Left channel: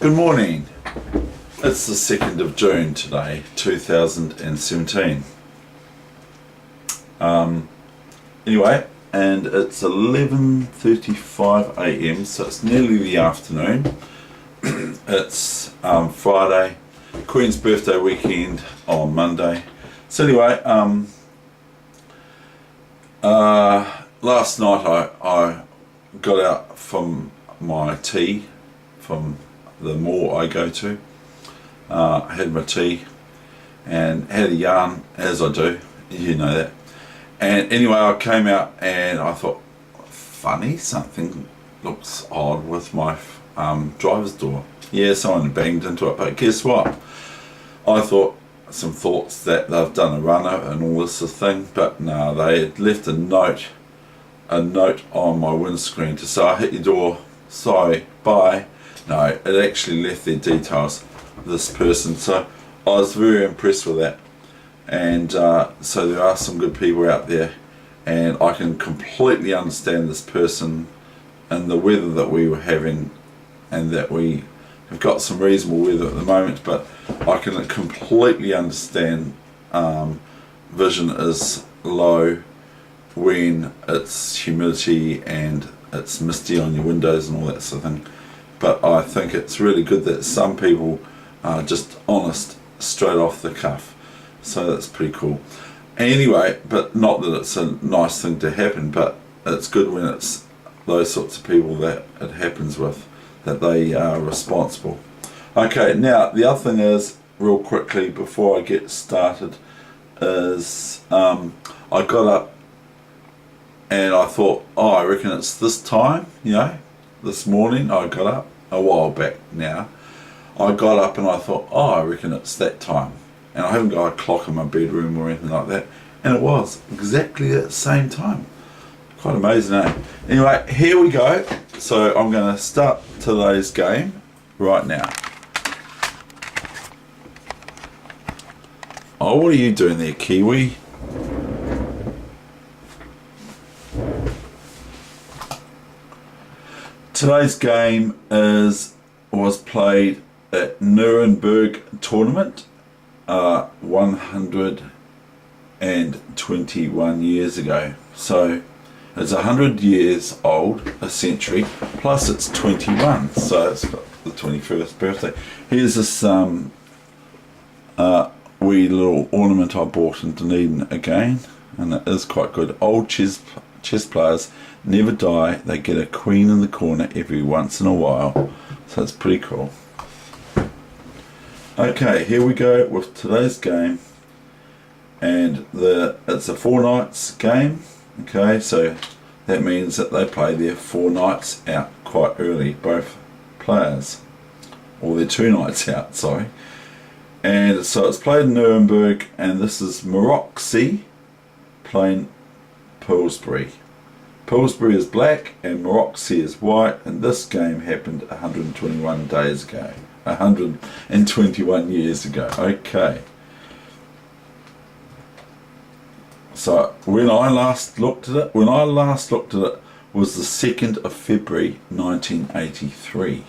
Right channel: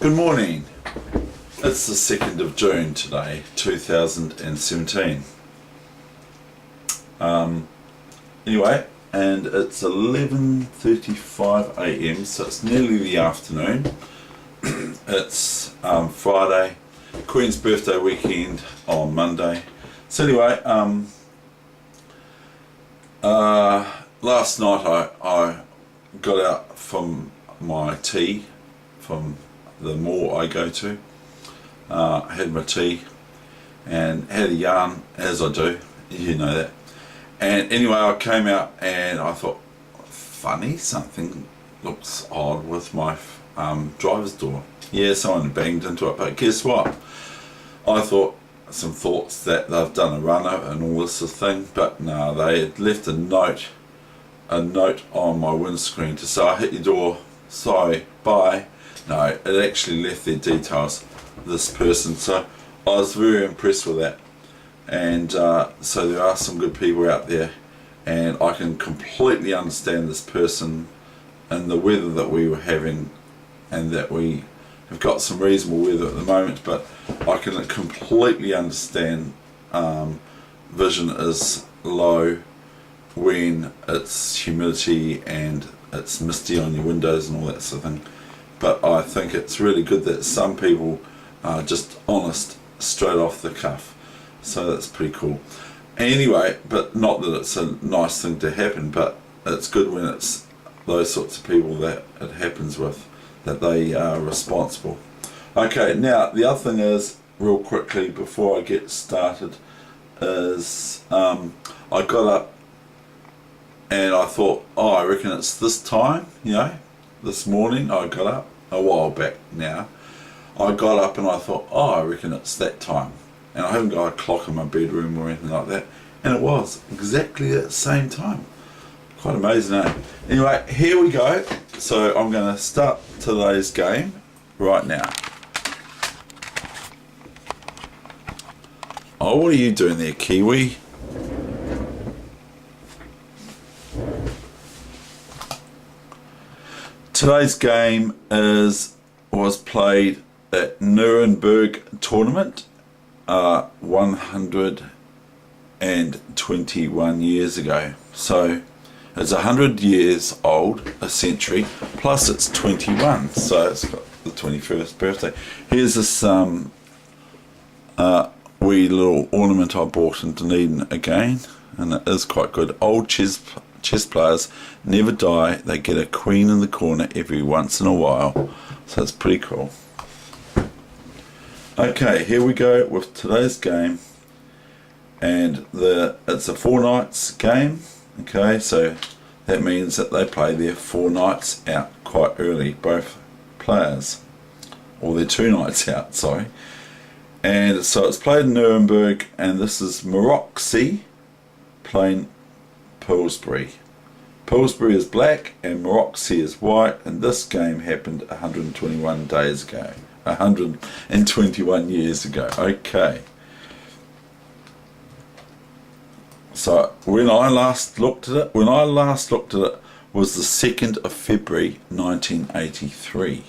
Good morning. It's the 2nd of June today, 2017. Anyway, and it's 11:35 a.m, so it's nearly the afternoon. It's Friday, Queen's birthday weekend on Monday. So anyway, last night I got out from my tea from the mall I go to. Had my tea and had a yarn, as I do, you know that. And anyway, I came out and I thought, funny, something looks odd with my driver's door. Yeah, someone banged into it, but guess what? I thought some thoughts that they've done a runner and all this sort of thing, but no, they had left a note on my windscreen to say, I hit your door, sorry, bye. No, it actually left their details, this person, so I was very impressed with that. And so there are some good people out there, and I can completely understand this person and the weather that we were having, and that we have got some reasonable weather at the moment, but I can completely understand vision is low when it's humidity and it's misty on your windows and all that sort of thing. But I think it's really good that some people are just honest straight off the cuff, so that's pretty cool. Anyway, but not that it's a nice thing to happen, but it's good when it's those sorts of people that it happens with, that they are responsible. Okay, now the other thing is, real quickly before I get started, is I got up and I thought, oh, I reckon it's this time, you know. This morning I got up, a while back now, I got up and I thought, oh, I reckon it's that time. And I haven't got a clock in my bedroom or anything like that, and it was exactly at the same time. Quite amazing, eh? Anyway, here we go. So I'm going to start today's game right now. Oh, what are you doing there, Kiwi? Today's game was played at Nuremberg tournament 121 years ago. So it's 100 years old, a century, plus it's 21, so it's got the 21st birthday. Here's this wee little ornament I bought in Dunedin again, and it is quite good. Old chess players never die, they get a queen in the corner every once in a while, so it's pretty cool. Okay, here we go with today's game, and it's a 4 nights game. Okay, so that means that they play their 4 nights out quite early, both players, or their 2 nights out, sorry. And so it's played in Nuremberg, and this is Maroczy playing Pillsbury. Pillsbury is black and Maroczy is white, and this game happened 121 days ago. 121 years ago. Okay. So when I last looked at it was the 2nd of February 1983.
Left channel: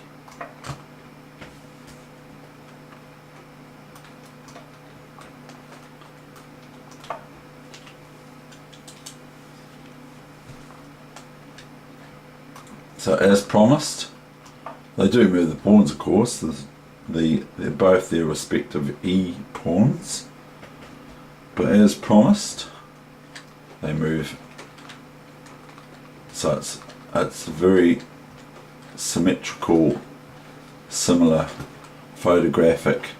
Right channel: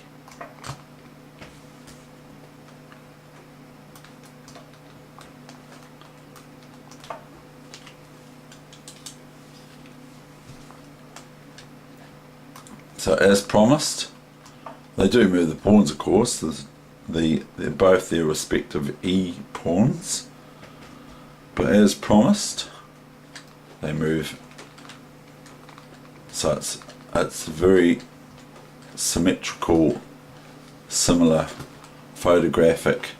So as promised, they do move the pawns, of course. They're both their respective E pawns, but as promised, they move. So it's very symmetrical, similar photographic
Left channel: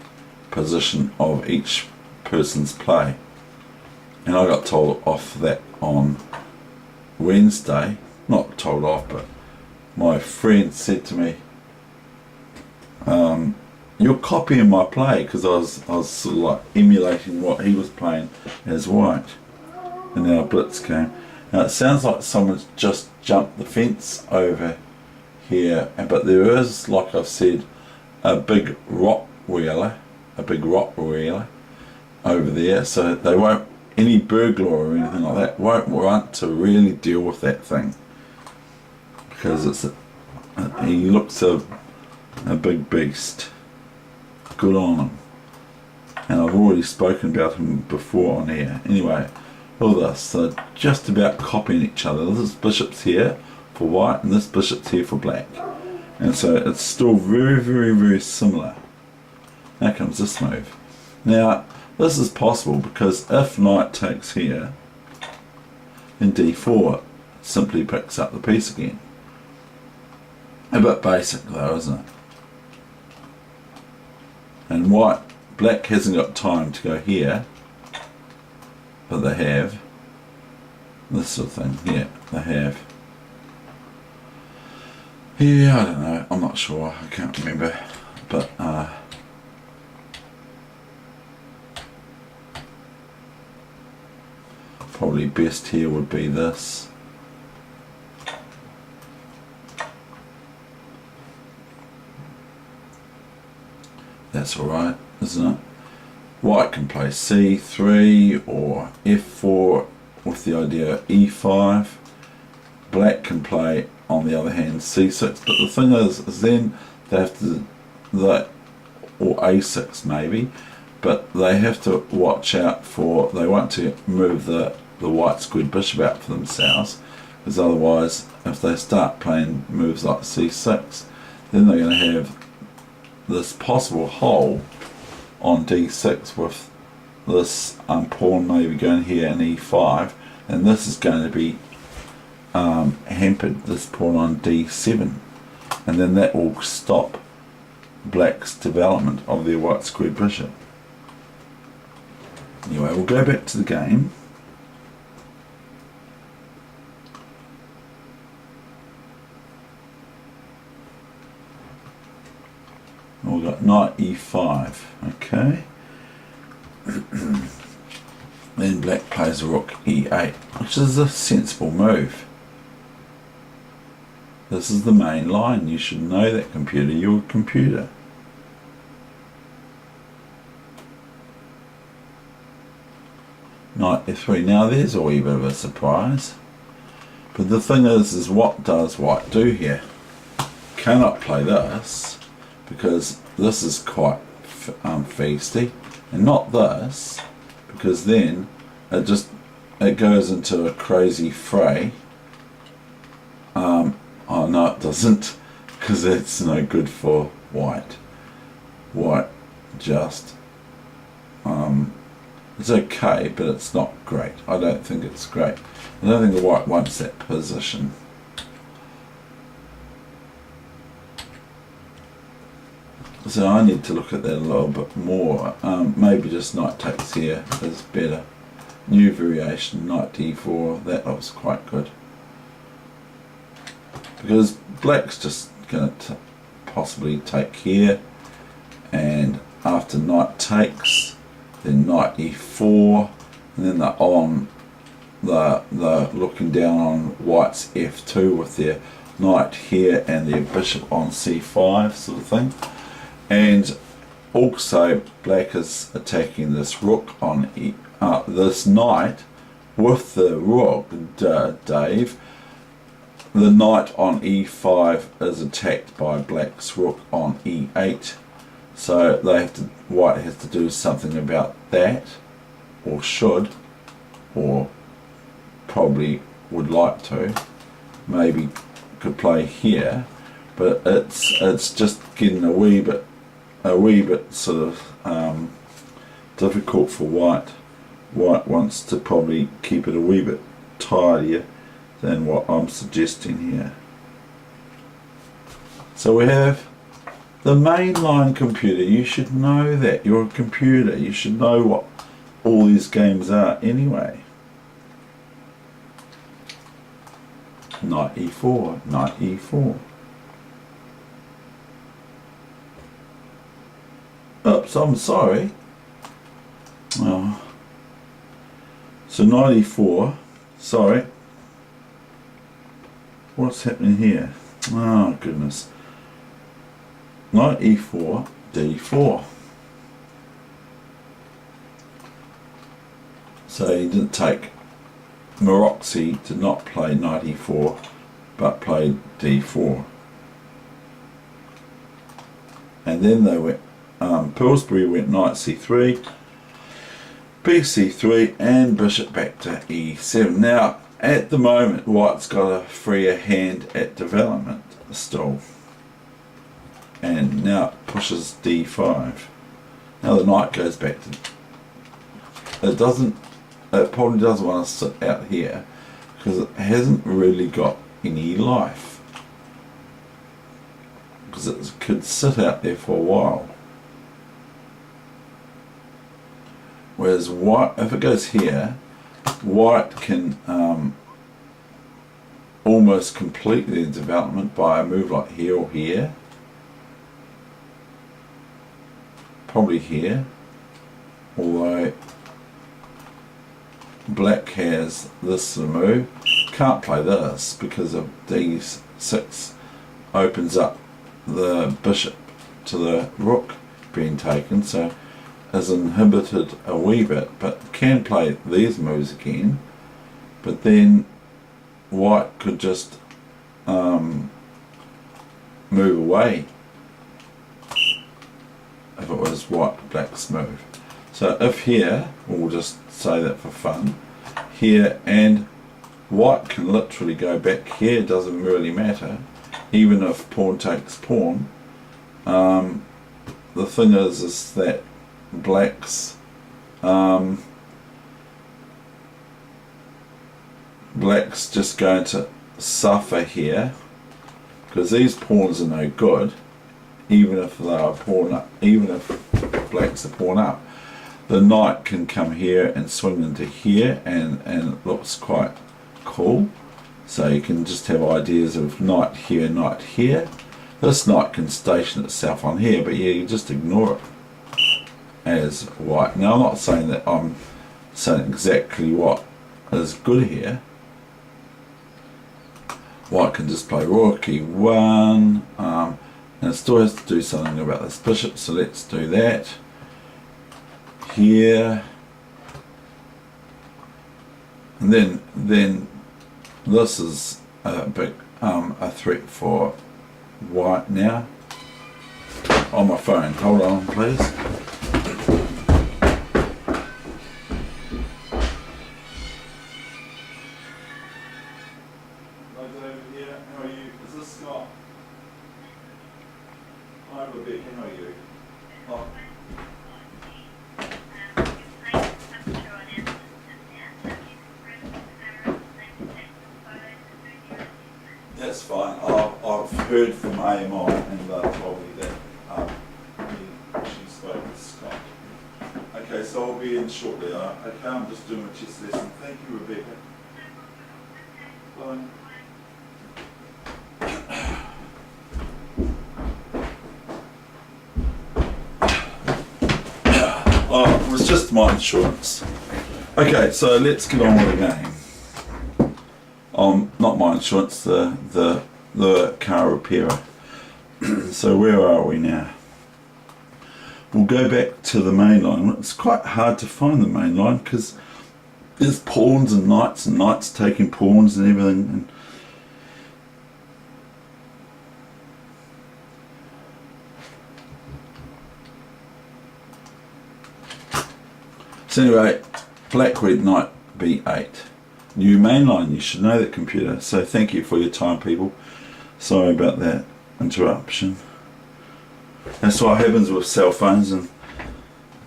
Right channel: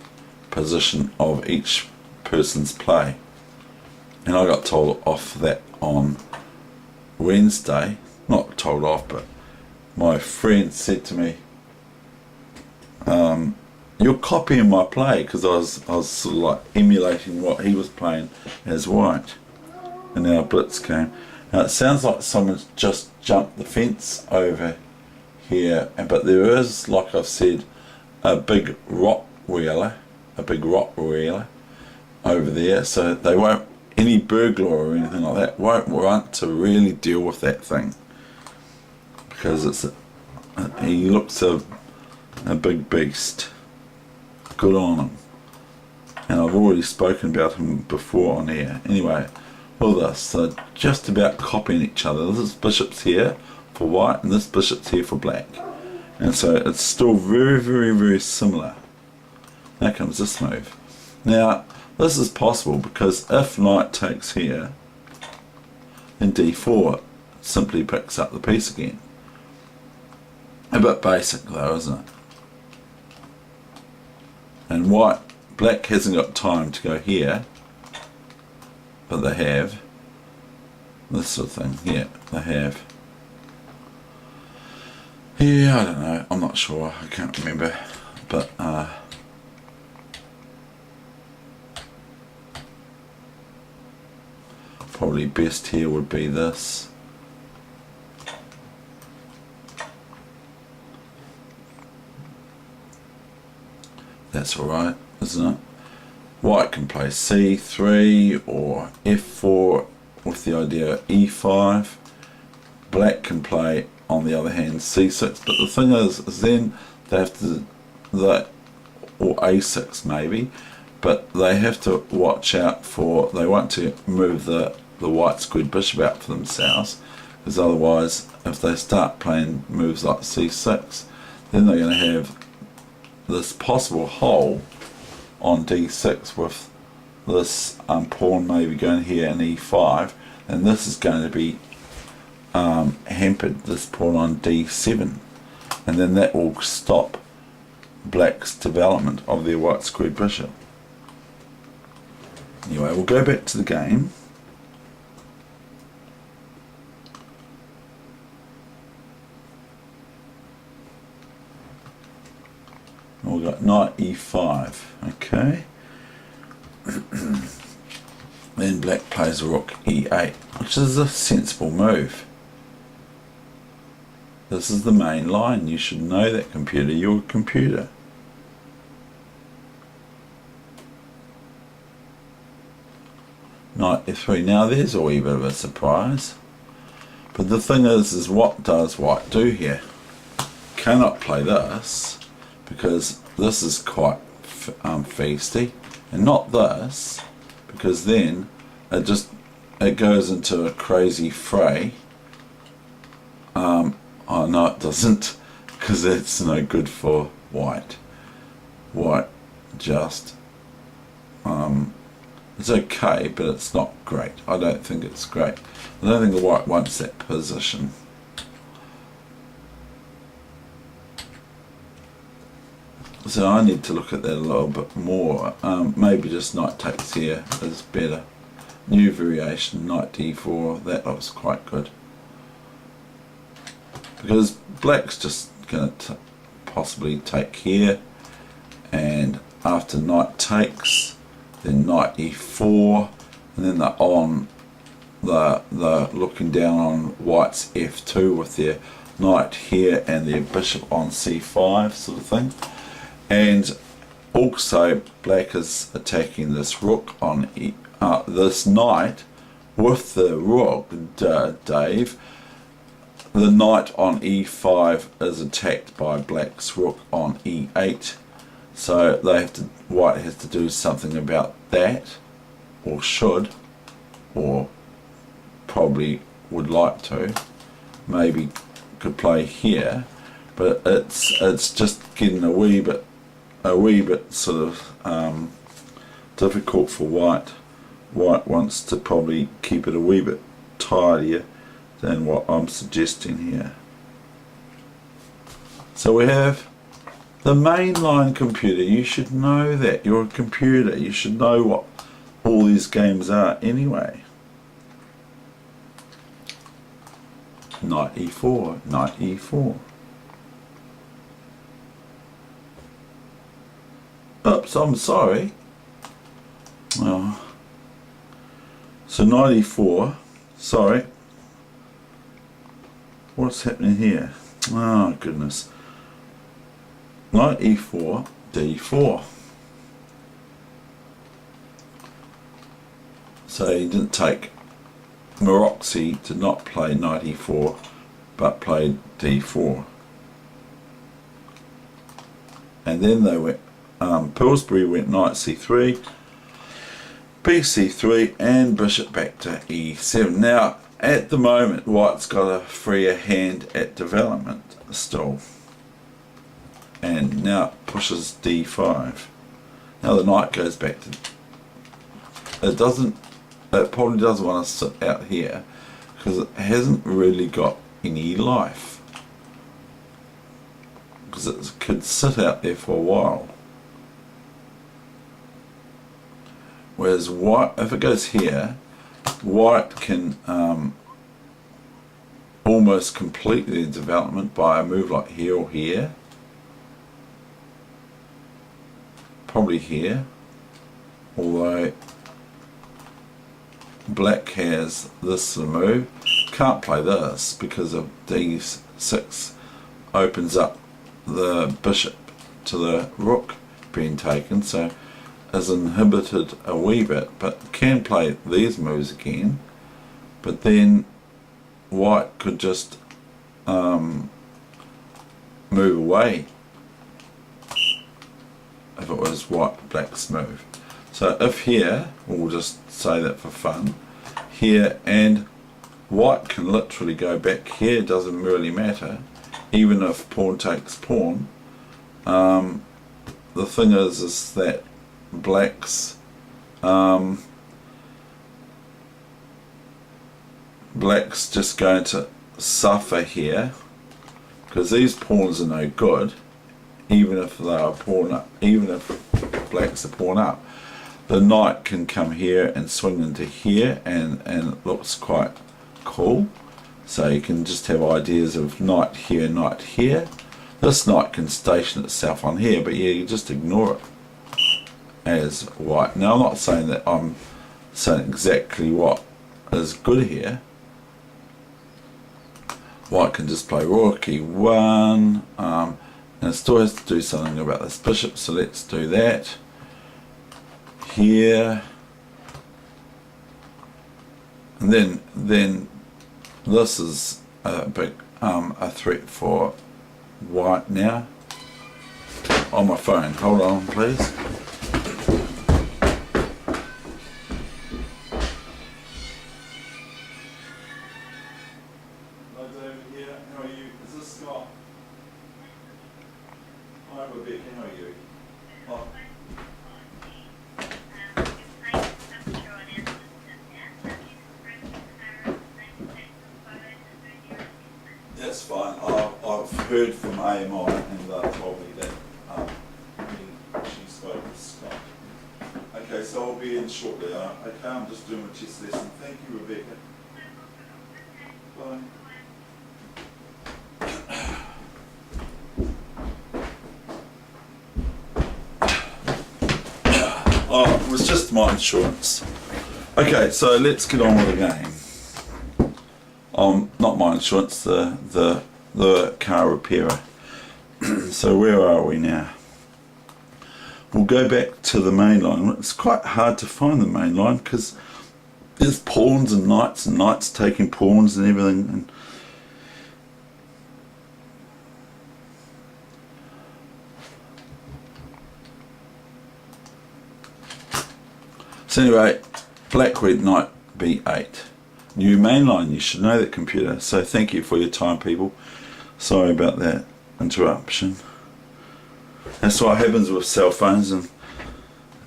position of each person's play. And I got told off that on Wednesday. Not told off, but my friend said to me, you're copying my play, because I was sort of like emulating what he was playing as white. And now blitz came. Now it sounds like someone's just jumped the fence over here, but there is, like I've said, a big Rottweiler over there, so they won't, any burglar or anything like that won't want to really deal with that thing, because he looks a A big beast. Good on him. And I've already spoken about him before on here. Anyway, all this, so just about copying each other. This bishop's here for white and this bishop's here for black. And so it's still very, very, very similar. Now comes this move. Now, this is possible because if knight takes here, then d4 simply picks up the piece again. A bit basic though, isn't it? And black hasn't got time to go here, but they have. This sort of thing, yeah, they have. Yeah, I don't know, I'm not sure, I can't remember, but probably best here would be this. That's alright, isn't it? White can play c3 or f4 with the idea of e5. Black can play, on the other hand, c6. But the thing is then they have to, or a6 maybe, but they have to watch out for, they want to move the white squared bishop out for themselves, because otherwise if they start playing moves like c6, then they're going to have this possible hole on d6 with this pawn maybe going here in e5, and this is going to be hampered, this pawn on d7, and then that will stop black's development of their white squared bishop. Anyway, we'll go back to the game. We've got knight e5, okay. Then black plays rook e8, which is a sensible move. This is the main line. You should know that, computer. You're a computer. Knight f3. Now there's a wee bit of a surprise. But the thing is what does white do here? Cannot play this, because this is quite feisty, and not this, because then it goes into a crazy fray. Oh no, it doesn't, because that's no good for white. White just it's okay, but it's not great. I don't think it's great. I don't think the white wants that position. So I need to look at that a little bit more. Maybe just knight takes here is better. New variation, knight d4, that looks quite good. Because black's just going to possibly take here, and after knight takes, then knight e4, and then they're looking down on white's f2 with their knight here and their bishop on c5 sort of thing. And also black is attacking this rook on this knight with the rook, Dave. The knight on e5 is attacked by black's rook on e8, so white has to do something about that, or should, or probably would like to. Maybe could play here, but it's just getting a wee bit sort of difficult for white. White wants to probably keep it a wee bit tidier than what I'm suggesting here. So we have the mainline computer. You should know that. You're a computer. You should know what all these games are anyway. Knight e4, knight e4. Oops, I'm sorry. Oh. So knight e4, sorry. What's happening here? Oh goodness. Knight e4, d4. So he didn't take Maroxy to not play knight e4, but played d4. and then they went, Pillsbury went knight c3, bc3, and bishop back to e7. Now, at the moment, white's got a freer hand at development still, and now it pushes d5. Now the knight goes back to, it probably doesn't want to sit out here because it hasn't really got any life, because it could sit out there for a while. Whereas white, if it goes here, white can almost complete their development by a move like here or here. Probably here, although black has this sort of move. Can't play this because of d6 opens up the bishop to the rook being taken, so is inhibited a wee bit, but can play these moves again. But then white could just move away if it was black's move. So if here, we'll just say that for fun, here, and white can literally go back here, doesn't really matter, even if pawn takes pawn. The thing is that black's just going to suffer here, because these pawns are no good, even if they are pawn up, even if black's a pawn up. The knight can come here and swing into here, and it looks quite cool. So you can just have ideas of knight here. This knight can station itself on here, but yeah, you just ignore it as white. Now I'm not saying that I'm saying exactly what is good here. White can just play rook e1, and it still has to do something about this bishop, so let's do that. Here, and then this is a big a threat for white now. On my phone, hold on please. Hello David here, how are you? Is this Scott? Hi Rebecca, how are you? Oh. That's fine. I've heard from AMI and told me that she spoke with Scott. Okay, so I'll be in shortly. Okay, I'm just doing my chess lesson. Thank you, Rebecca. Bye. Oh, it was just my insurance. Okay, so let's get on with the game. Not my insurance, the car repairer. So where are we now? We'll go back to the main line. It's quite hard to find the main line because there's pawns and knights taking pawns and everything. And so anyway, black went knight b8. New mainline, you should know that, computer. So thank you for your time, people. Sorry about that interruption. That's what happens with cell phones, and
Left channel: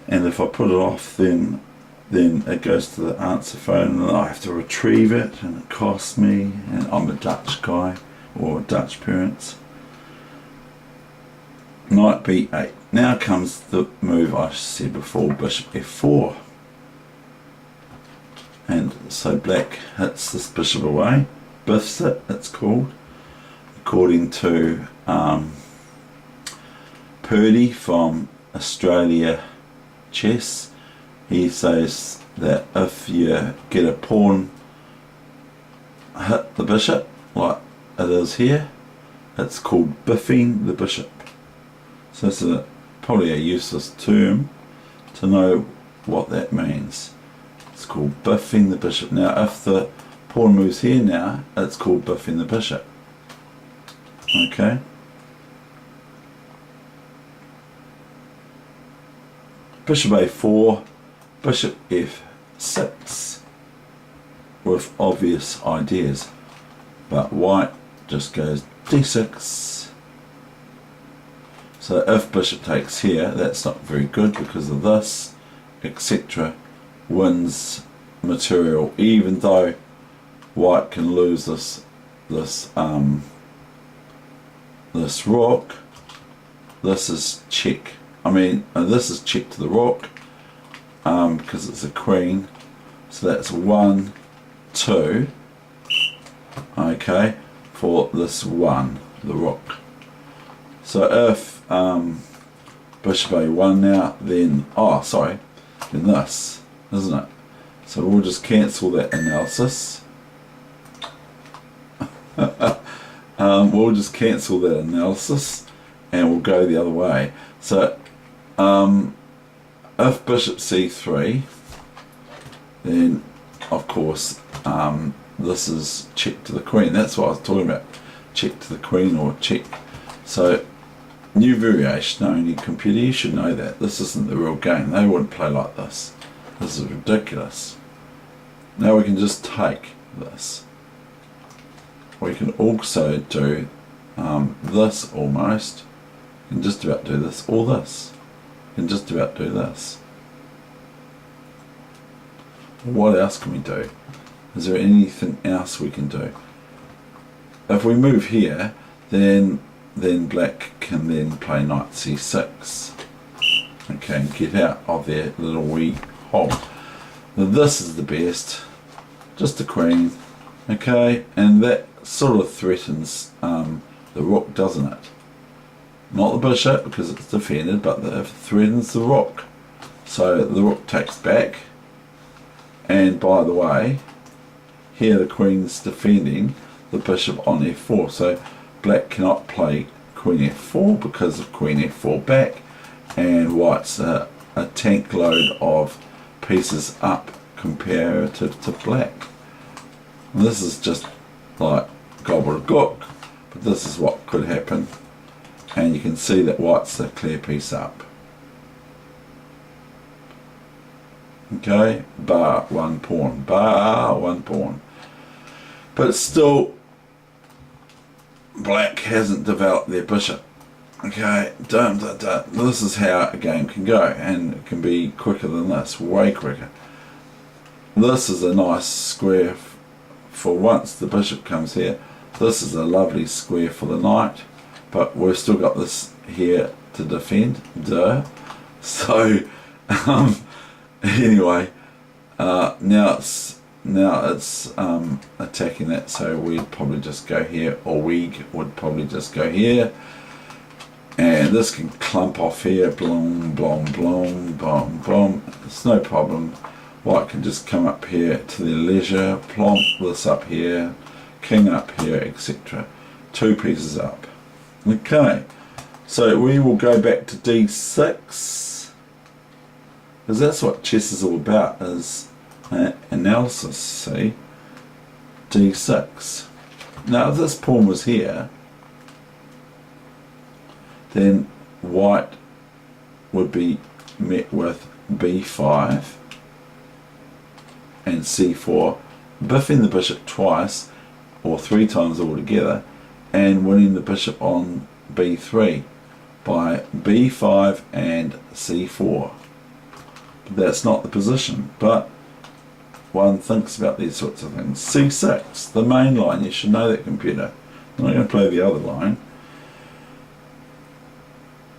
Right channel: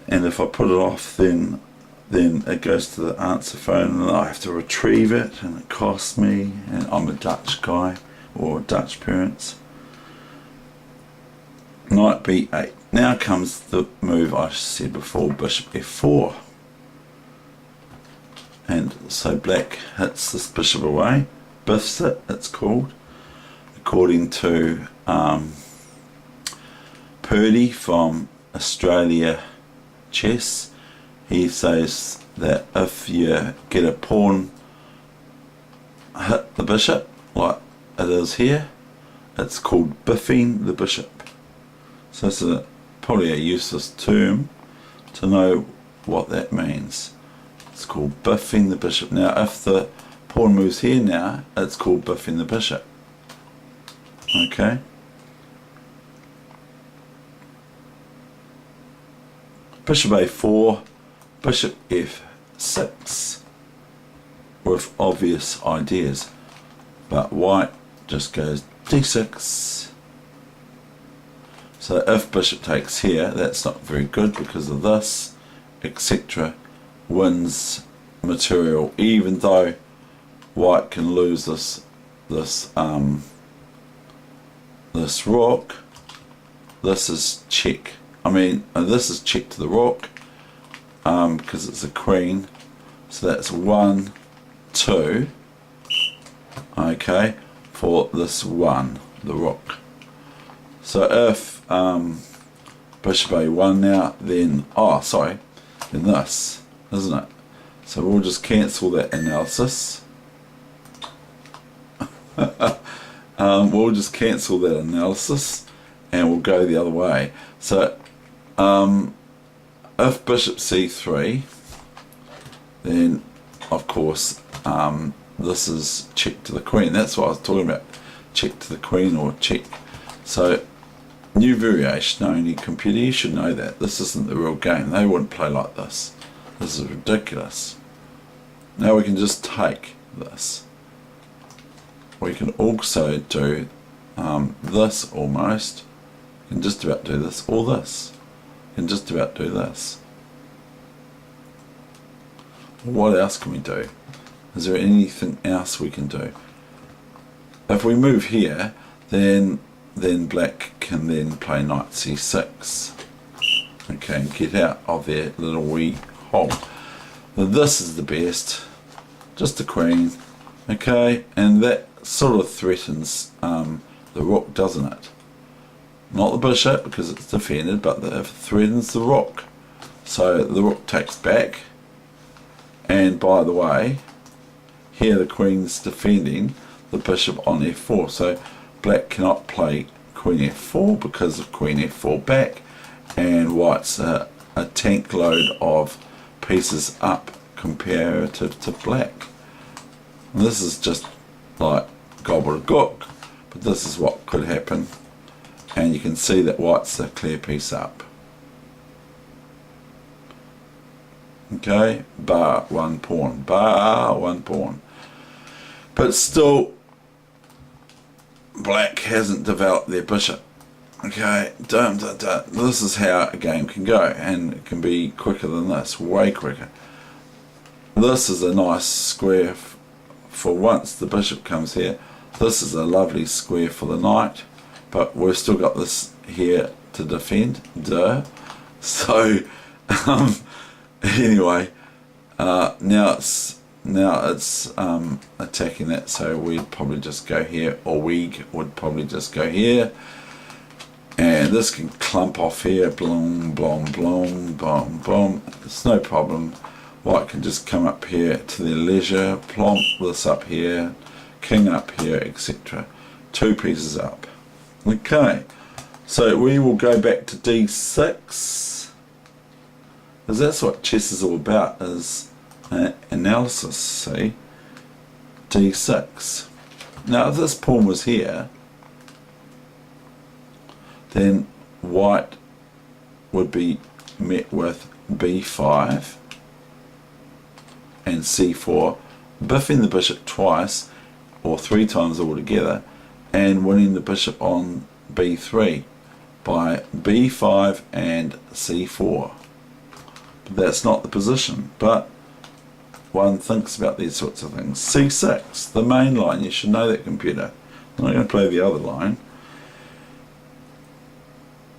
if I put it off, then it goes to the answer phone and I have to retrieve it, and it costs me, and I'm a Dutch guy, or Dutch parents. Knight b8. Now comes the move I said before, bishop f4. And so black hits this bishop away, biffs it, it's called, according to Purdy from Australia Chess. He says that if you get a pawn hit the bishop, like it is here, it's called biffing the bishop. So this is probably a useless term to know what that means. It's called biffing the bishop. Now if the pawn moves here now, it's called biffing the bishop. Okay. bishop a4, bishop f6, with obvious ideas, but white just goes d6. So if bishop takes here, that's not very good because of this, etc. wins material, even though white can lose this rook. This is check. I mean, this is check to the rook because it's a queen. So that's 1, 2. Okay, for this one, the rook. So if bishop a1 now, then then this, isn't it? So we'll just cancel that analysis. We'll just cancel that analysis and we'll go the other way. So if bishop c3, then of course this is check to the queen. That's what I was talking about, check to the queen or check. So new variation only computer, you should know that. This isn't the real game. They wouldn't play like this. This is ridiculous. Now we can just take this. We can also do this almost. You can just about do this, or this. You can just about do this. What else can we do? Is there anything else we can do? If we move here, then black can then play knight c6. Okay, and get out of their little wee hole. Now this is the best. Just the queen. Okay, and that sort of threatens the rook, doesn't it? Not the bishop because it's defended, but it threatens the rook. So the rook takes back. And by the way, here the queen's defending the bishop on f4. So black cannot play queen f4 because of queen f4 back, and white's a tank load of pieces up comparative to black. And this is just like gobbledygook, but this is what could happen, and you can see that white's a clear piece up. Okay, bar one pawn, but still black hasn't developed their bishop. Okay, this is how a game can go, and it can be quicker than this, way quicker. This is a nice square for once the bishop comes here. This is a lovely square for the knight, but we've still got this here to defend, so anyway, now it's attacking that, so we'd probably just go here, or we would probably just go here, and this can clump off here, blom, blom, blom, blom, blom. It's no problem. White can just come up here to their leisure, plonk this up here, king up here, etc. 2 pieces up. Okay, so we will go back to d6, because that's what chess is all about, is analysis. See, d6. Now if this pawn was here, then white would be met with b5 and c4, biffing the bishop twice or 3 times altogether, and winning the bishop on b3 by b5 and c4. But that's not the position, but one thinks about these sorts of things. c6, the main line, you should know that, computer. I'm not going to play the other line.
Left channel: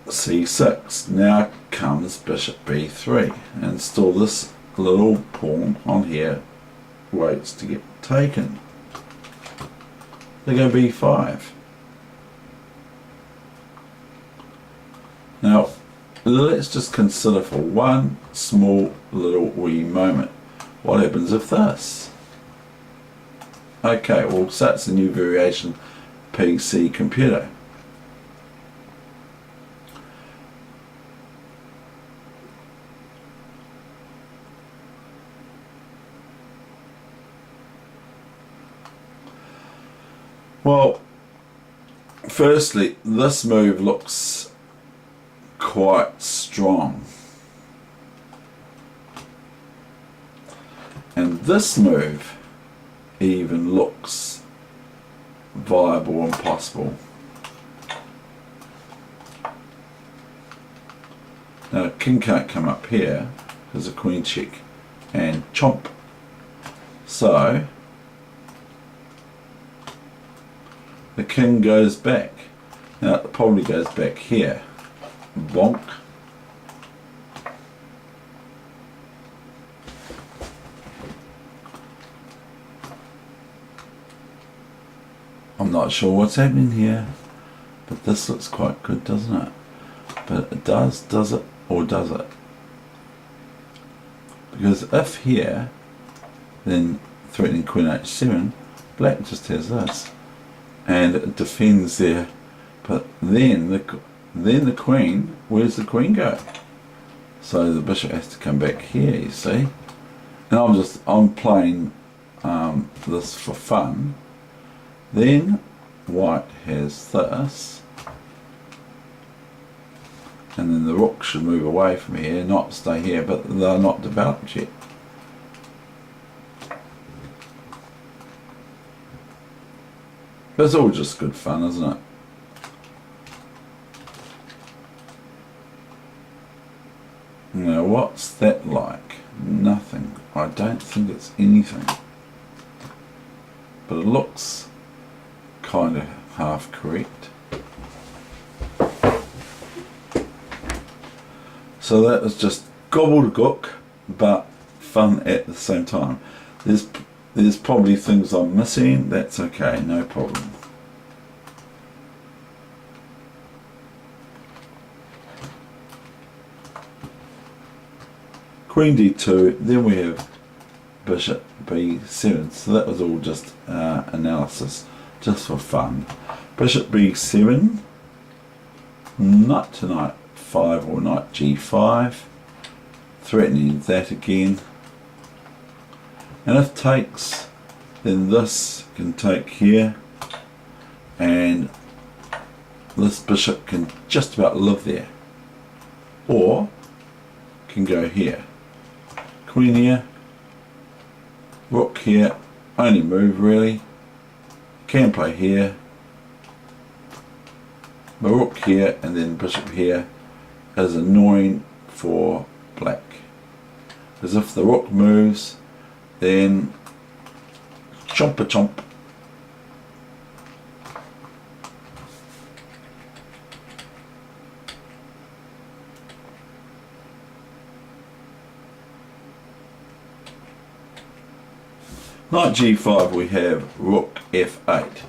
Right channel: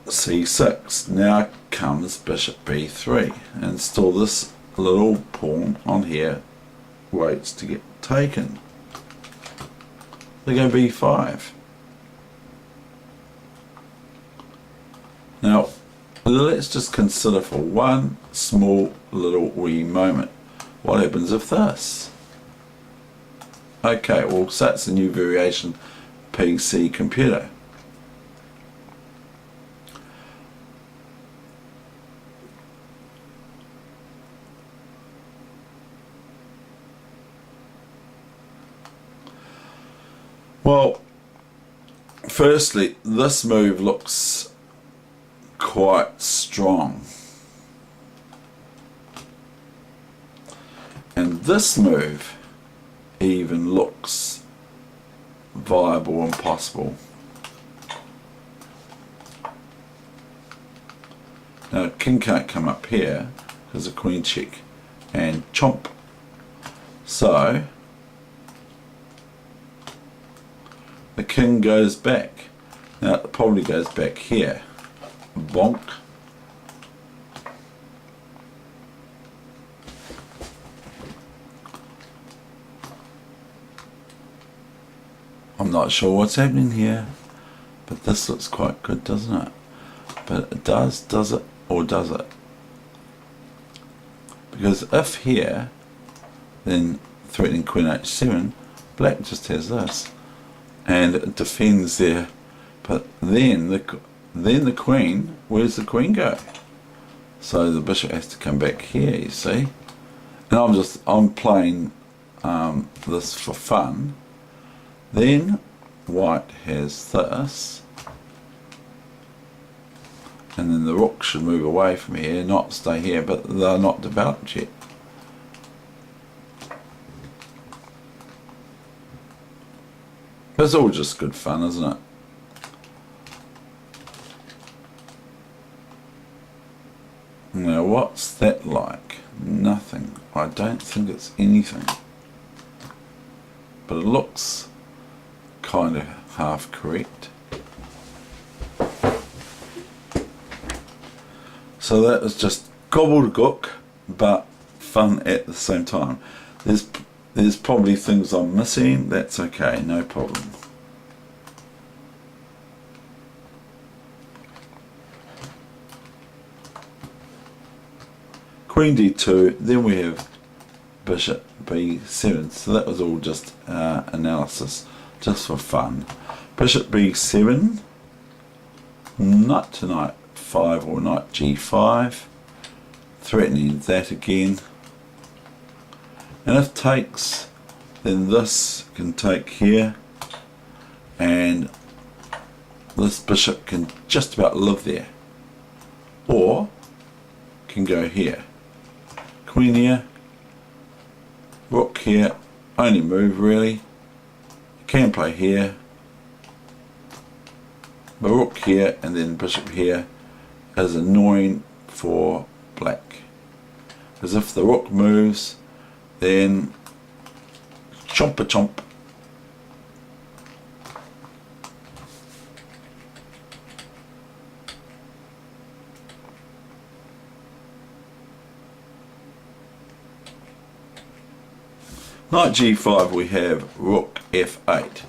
c6, now comes bishop b3, and still this little pawn on here waits to get taken. They go b5. Now let's just consider for one small little wee moment, what happens if this? Okay, well, so that's a new variation PC computer. Well, firstly, this move looks quite strong. And this move even looks viable and possible. Now king can't come up here because of queen check and chomp. So the king goes back. Now it probably goes back here. Bonk. I'm not sure what's happening here, but this looks quite good, doesn't it? But it does it, or does it? Because if here, then threatening queen h7, black just has this, and it defends there. But then the queen, where's the queen go? So the bishop has to come back here, you see. And I'm playing this for fun. Then white has this, and then the rook should move away from here, not stay here, but they're not developed yet. It's all just good fun, isn't it? Now what's that like? Nothing. I don't think it's anything. But it looks kind of half correct. So that was just gobbledygook, but fun at the same time. There's probably things I'm missing. That's okay, no problem. Queen d2, then we have bishop b7. So that was all just analysis, just for fun. Bishop b7, knight to knight 5 or knight g5, threatening that again. And if takes, then this can take here, and this bishop can just about live there, or can go here. Queen here, rook here, only move really. Can play here, but rook here and then bishop here is annoying for black, because if the rook moves, then chomp a chomp. Knight g5, we have rook f8.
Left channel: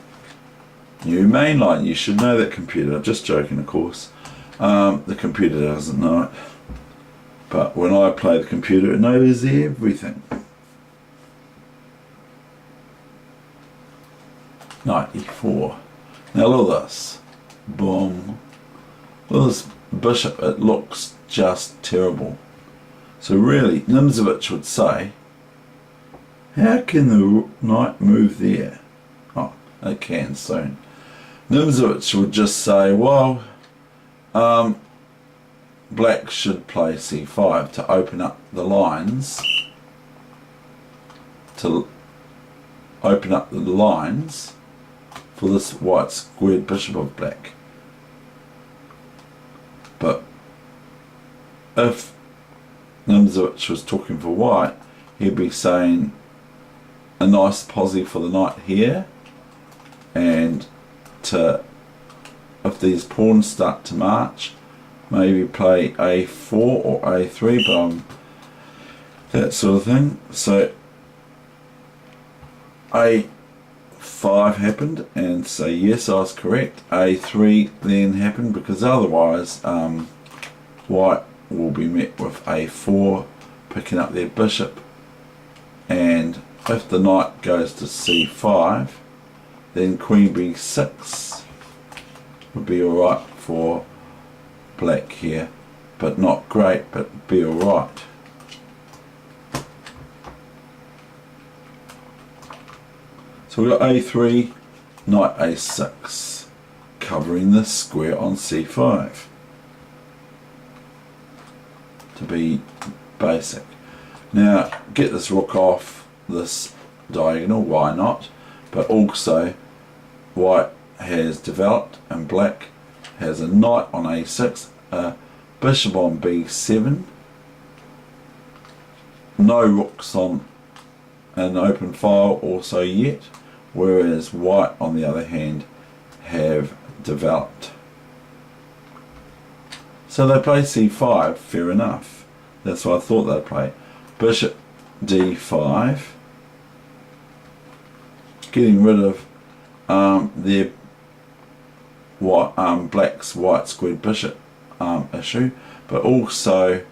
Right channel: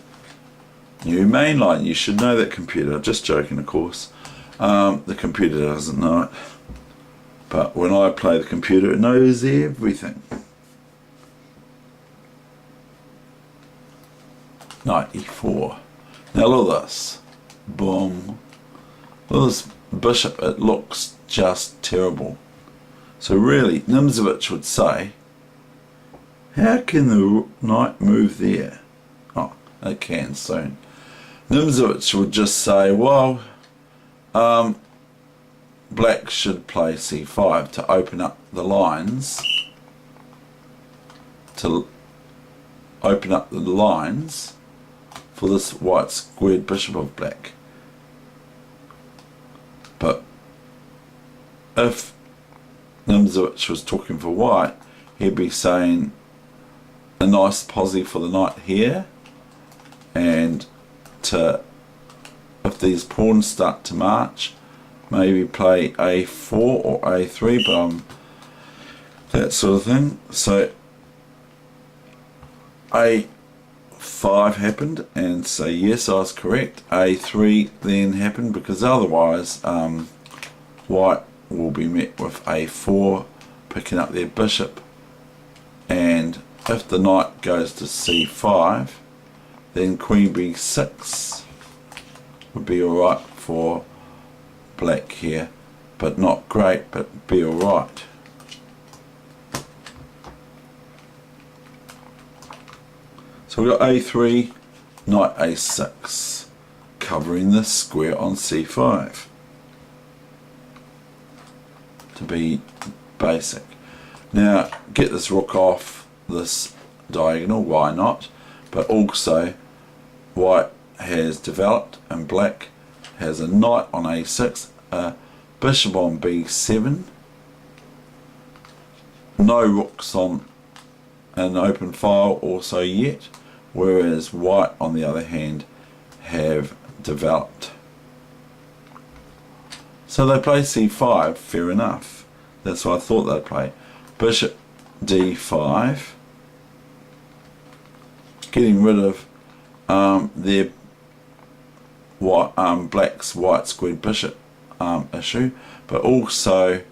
New main line, you should know that, computer. Just joking, of course. The computer doesn't know it. But when I play the computer, it knows everything. Knight e4. Now look at this. Boom. Look at this bishop. It looks just terrible. So really, Nimzowitsch would say, how can the knight move there? Oh, it can soon. Nimzowitsch would just say, well, black should play c5 to open up the lines, for this white squared bishop of black. But if Nimzowitsch was talking for white, he'd be saying a nice posse for the knight here, and if these pawns start to march, maybe play a4 or a3, but that sort of thing. So a5 happened, and say yes, I was correct. A3 then happened, because otherwise white will be met with a4, picking up their bishop, and if the knight goes to c5, then queen b6 would be alright for black here, but not great, but be alright. So we've got a3, knight a6, covering this square on c5, to be basic. Now get this rook off this diagonal, why not? But also white has developed and black has a knight on a6, a bishop on b7, no rooks on an open file also yet, whereas white on the other hand have developed. So they play c5, fair enough. That's what I thought they'd play. Bishop d5, getting rid of their black's white squared bishop issue, but also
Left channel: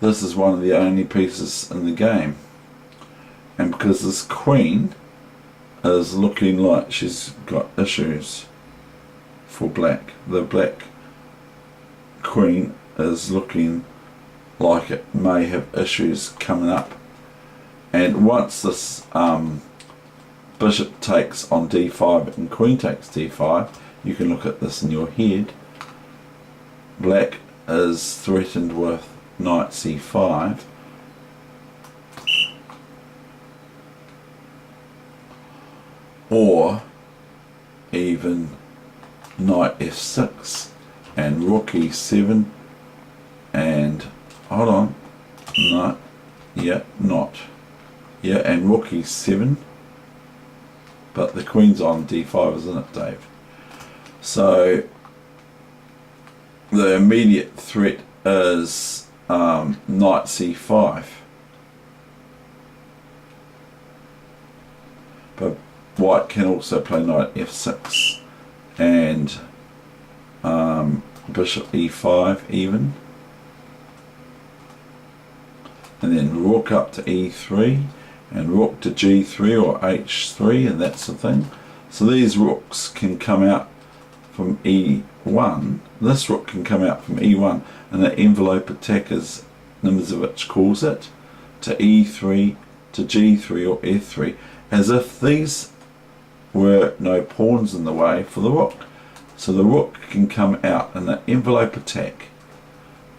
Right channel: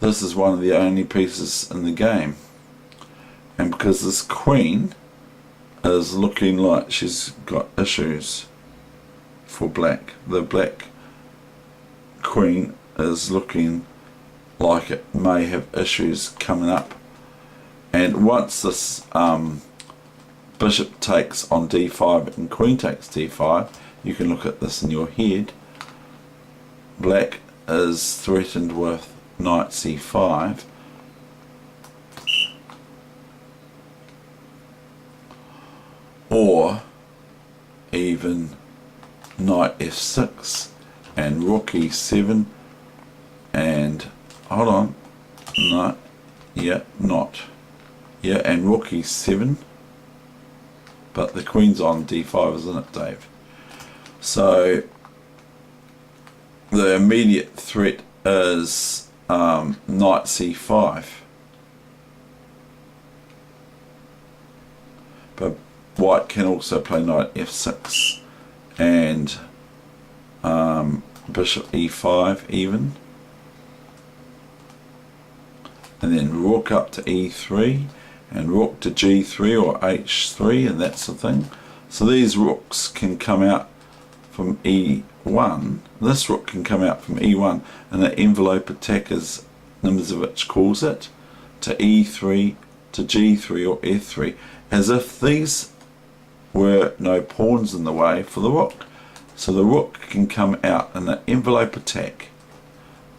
this is one of the only pieces in the game, and because this queen is looking like she's got issues for black, the black queen is looking like it may have issues coming up, and once this bishop takes on d5 and queen takes d5, you can look at this in your head. Black is threatened with knight c5, or even knight f6 and rook e7, and hold on, no, yeah, not, yeah, and rook e7, but the queen's on d5, isn't it, Dave? So the immediate threat is knight c5, but white can also play knight f6 and bishop e5 even, and then rook up to e3 and rook to g3 or h3 and that's the thing. So these rooks can come out from e1, this rook can come out from e1 and an envelope attack, as Nimzowitsch calls it, to e3, to g3 or f3, as if these were no pawns in the way for the rook. So the rook can come out in an envelope attack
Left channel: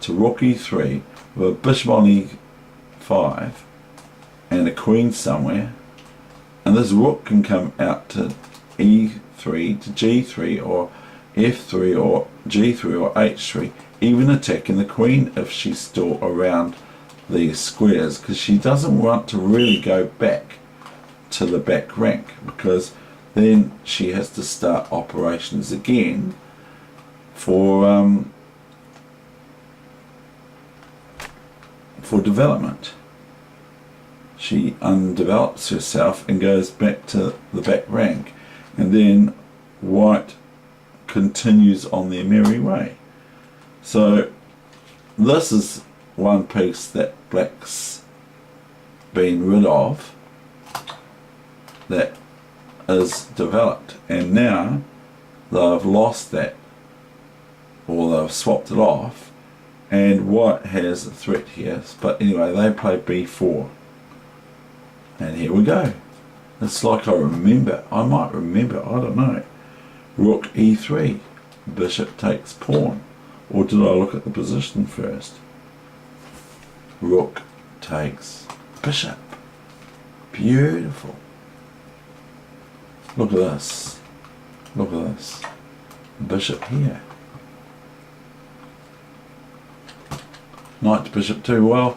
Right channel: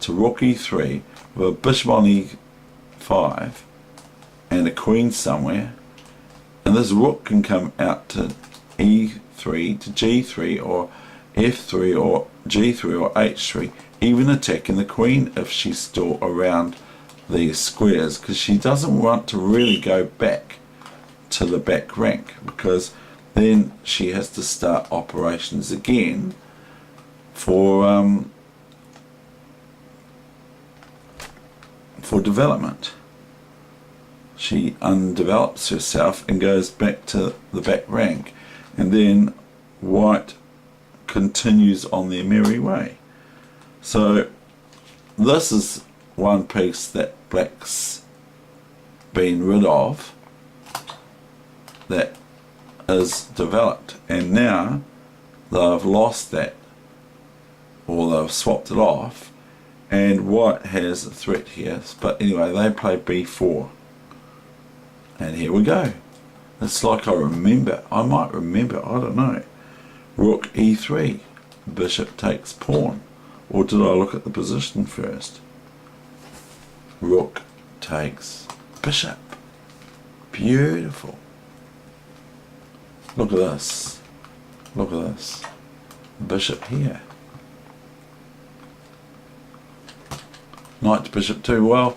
to rook e3 with a bishop on e5 and a queen somewhere, and this rook can come out to e3, to g3 or f3 or g3 or h3, even attacking the queen if she's still around these squares, because she doesn't want to really go back to the back rank, because then she has to start operations again for development. She undevelops herself and goes back to the back rank, and then white continues on their merry way. So this is one piece that black's been rid of that is developed, and now they've lost that, or they've swapped it off, and white has a threat here. But anyway, they play b4, and here we go. It's like I might remember, I don't know. Rook e3, bishop takes pawn, or did I look at the position first? Rook takes bishop, beautiful. Look at this, look at this, bishop here. Knight to bishop 2, well,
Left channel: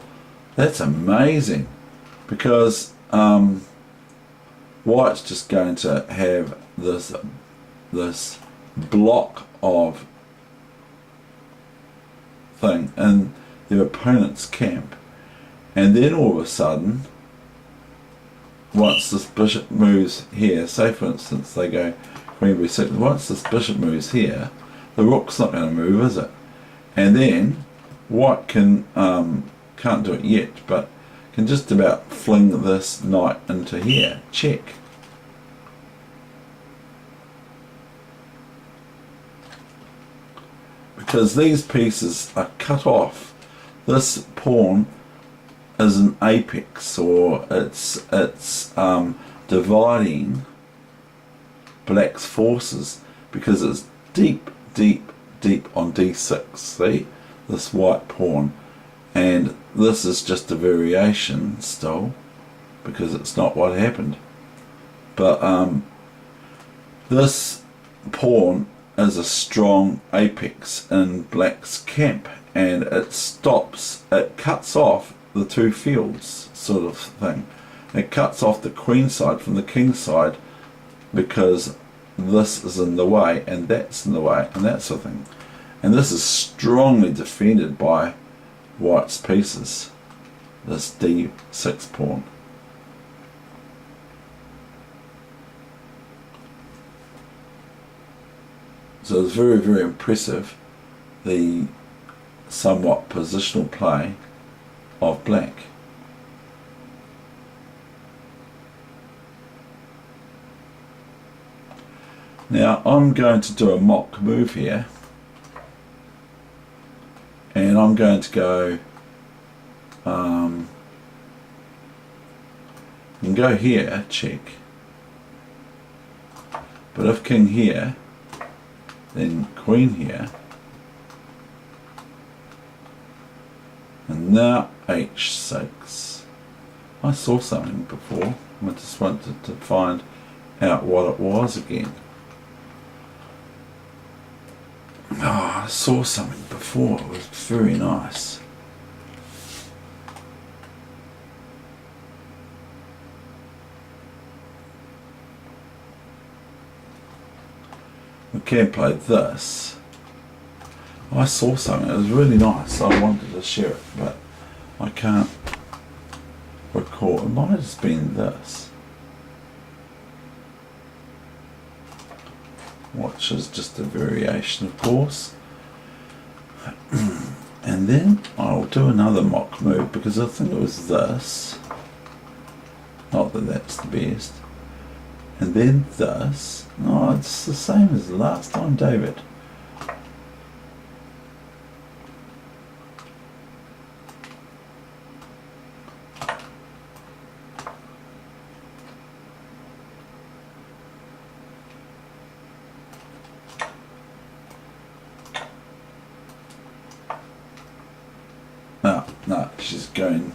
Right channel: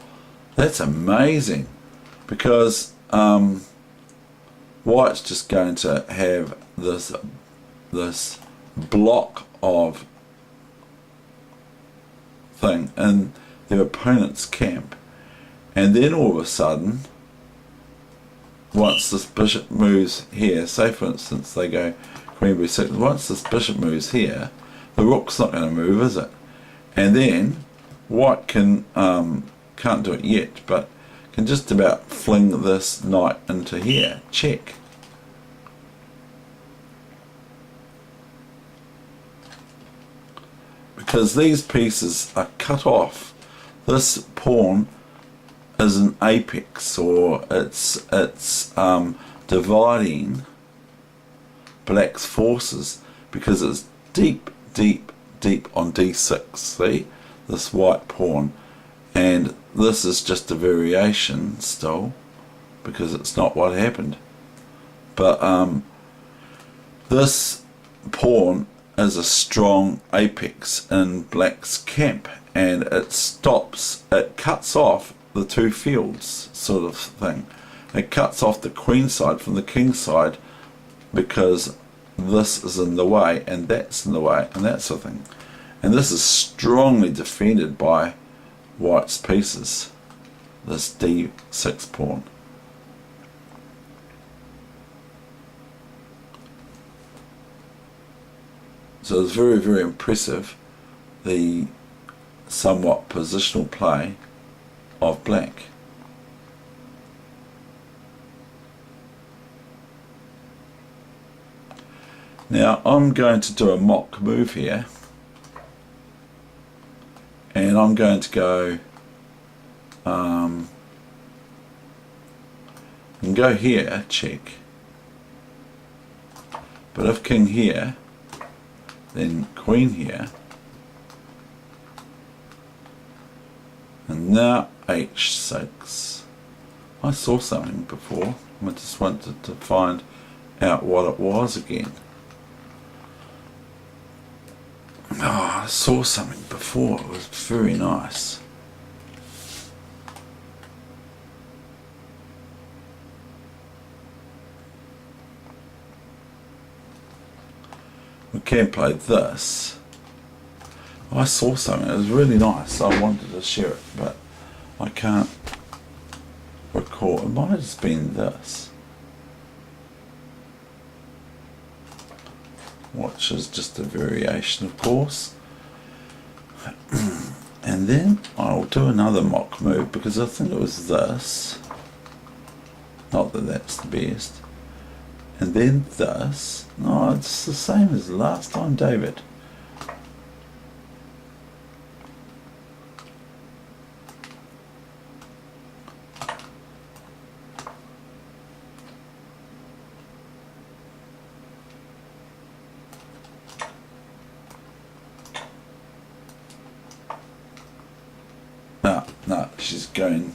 that's amazing, because white's just going to have this block of thing in their opponent's camp, and then all of a sudden, once this bishop moves here, say for instance they go queen b6, once this bishop moves here, the rook's not going to move, is it? And then white can can't do it yet, but can just about fling this knight into here, check. Because these pieces are cut off. This pawn is an apex, or it's dividing black's forces, because it's deep on d6, see, this white pawn, And this is just a variation still, because it's not what happened. But this pawn is a strong apex in black's camp, and it cuts off the two fields sort of thing. It cuts off the queen side from the king side, because this is in the way and that's in the way and that sort of thing. And this is strongly defended by white's pieces, this d6 pawn. So it's very, very impressive, the somewhat positional play of black. Now I'm going to do a mock move here, and I'm going to go and go here, check. But if king here, then queen here, and now h6. I saw something before, I just wanted to find out what it was again. Oh, I saw something before, it was very nice. We can play this. I saw something, it was really nice, I wanted to share it, but I can't recall. It might have just been this, which is just a variation, of course. And then I'll do another mock move, because I think it was this. Not that that's the best. And then this. No, it's the same as last time, David. No, she's going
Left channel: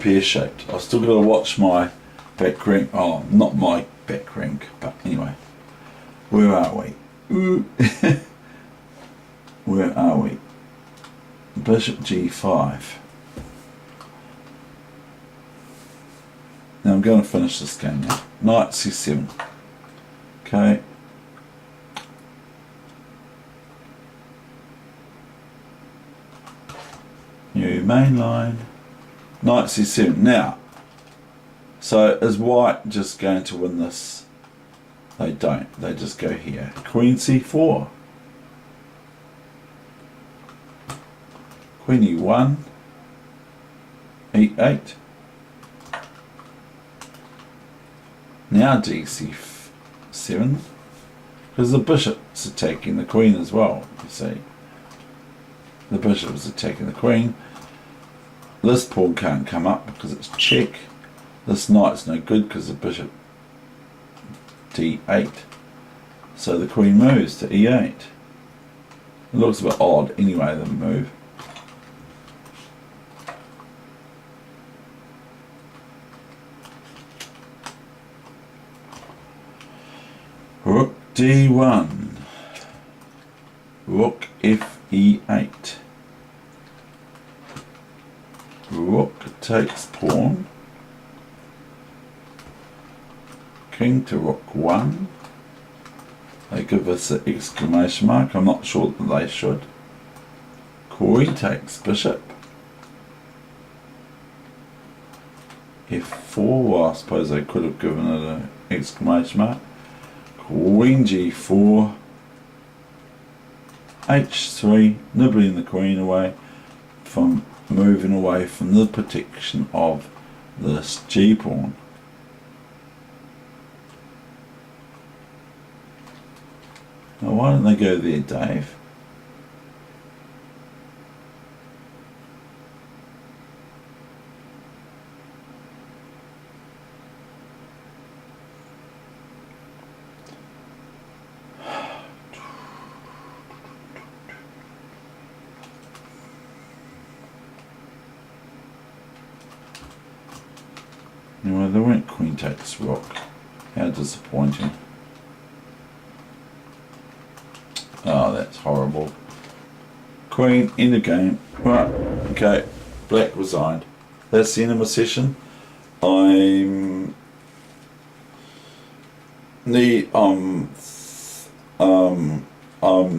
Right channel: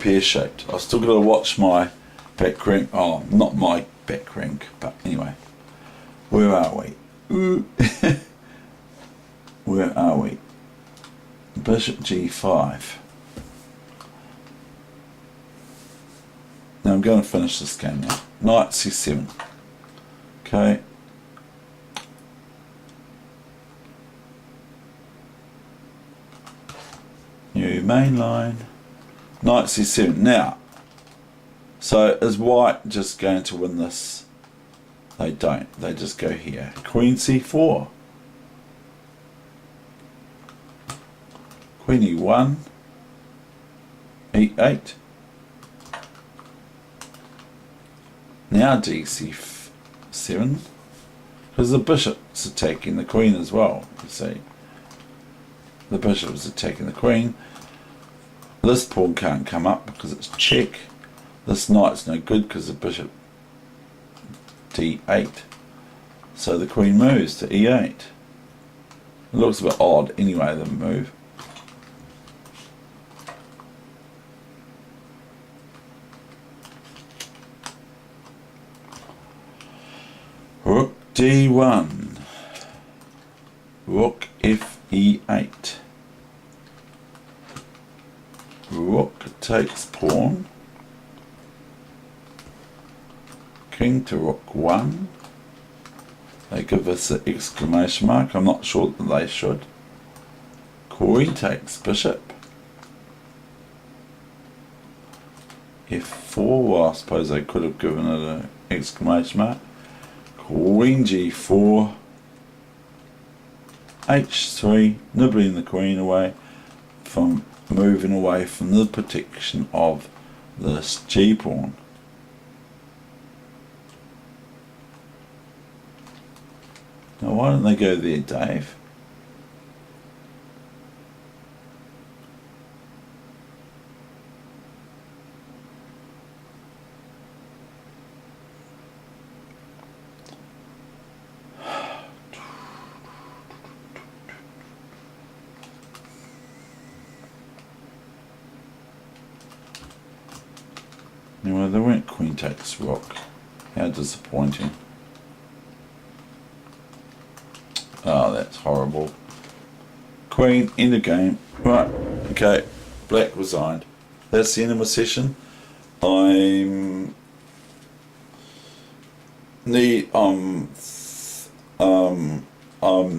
pear-shaped. I've still got to watch my back rank. Oh, not my back rank, but anyway. Where are we? Ooh. Where are we? Bishop g5. Now I'm going to finish this game now. Knight c7. Okay. New main line. Knight c7. Now, so is white just going to win this? They don't. They just go here. Queen c4. Queen e1. e8. Now dc7. Because the bishop's attacking the queen as well, you see. The bishop is attacking the queen. This pawn can't come up because it's check. This knight's no good because the bishop d8. So the queen moves to e8. It looks a bit odd anyway, the move. Rook d1. Rook f e8. Rook takes pawn. King to rook 1. They give us an exclamation mark. I'm not sure that they should. Queen takes bishop. f4. Well, I suppose they could have given it an exclamation mark. Queen g4. h3. Nibbling the queen away from moving away from the protection of this g-pawn. Now why don't they go there, Dave? Anyway, they went queen takes rook. How disappointing. Oh, that's horrible. Queen, end of game. Right, okay, black resigned. That's the end of my session. I'm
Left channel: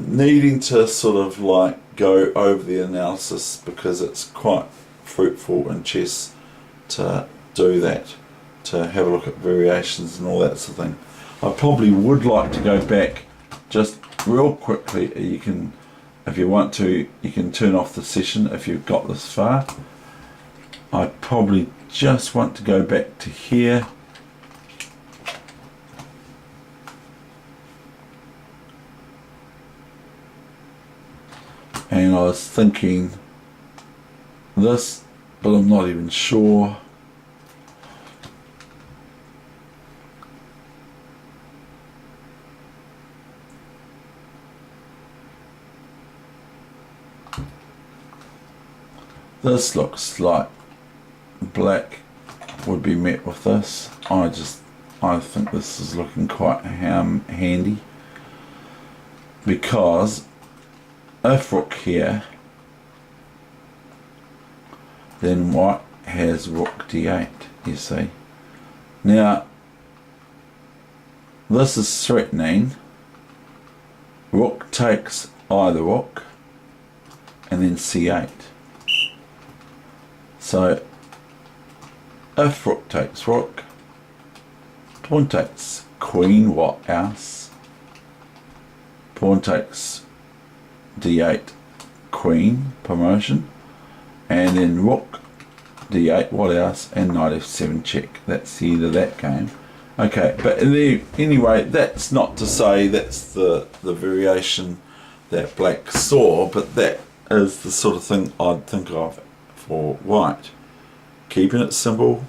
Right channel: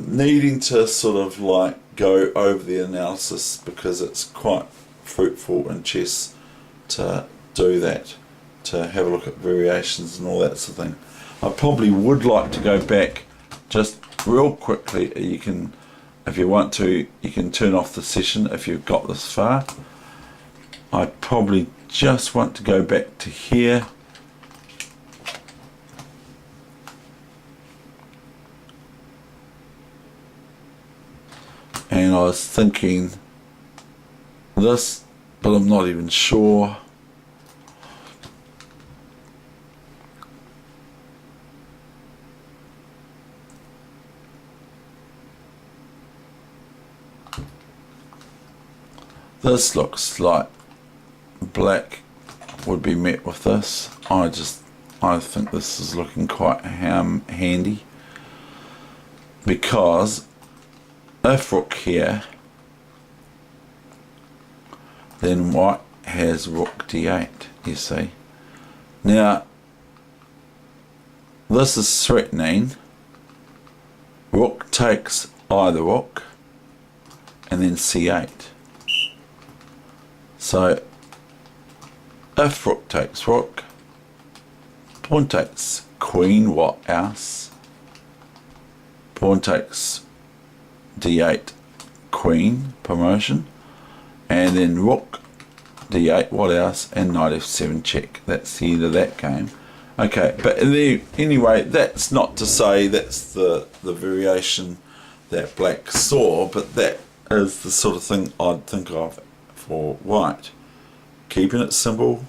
needing to sort of like go over the analysis because it's quite fruitful in chess to do that, to have a look at variations and all that sort of thing. I probably would like to go back just real quickly. You can, if you want to, you can turn off the session if you've got this far. I probably just want to go back to here. And I was thinking this, but I'm not even sure. This looks like black would be met with this. I think this is looking quite handy, because if rook here, then white has rook d8, you see. Now this is threatening. Rook takes either rook and then c8. So if rook takes rook, pawn takes queen, what else? Pawn takes d8, queen, promotion, and then rook d8, what else? And knight f7 check. That's the end of that game. Okay, but anyway, that's not to say that's the variation that black saw, but that is the sort of thing I'd think of for white. Keeping it simple,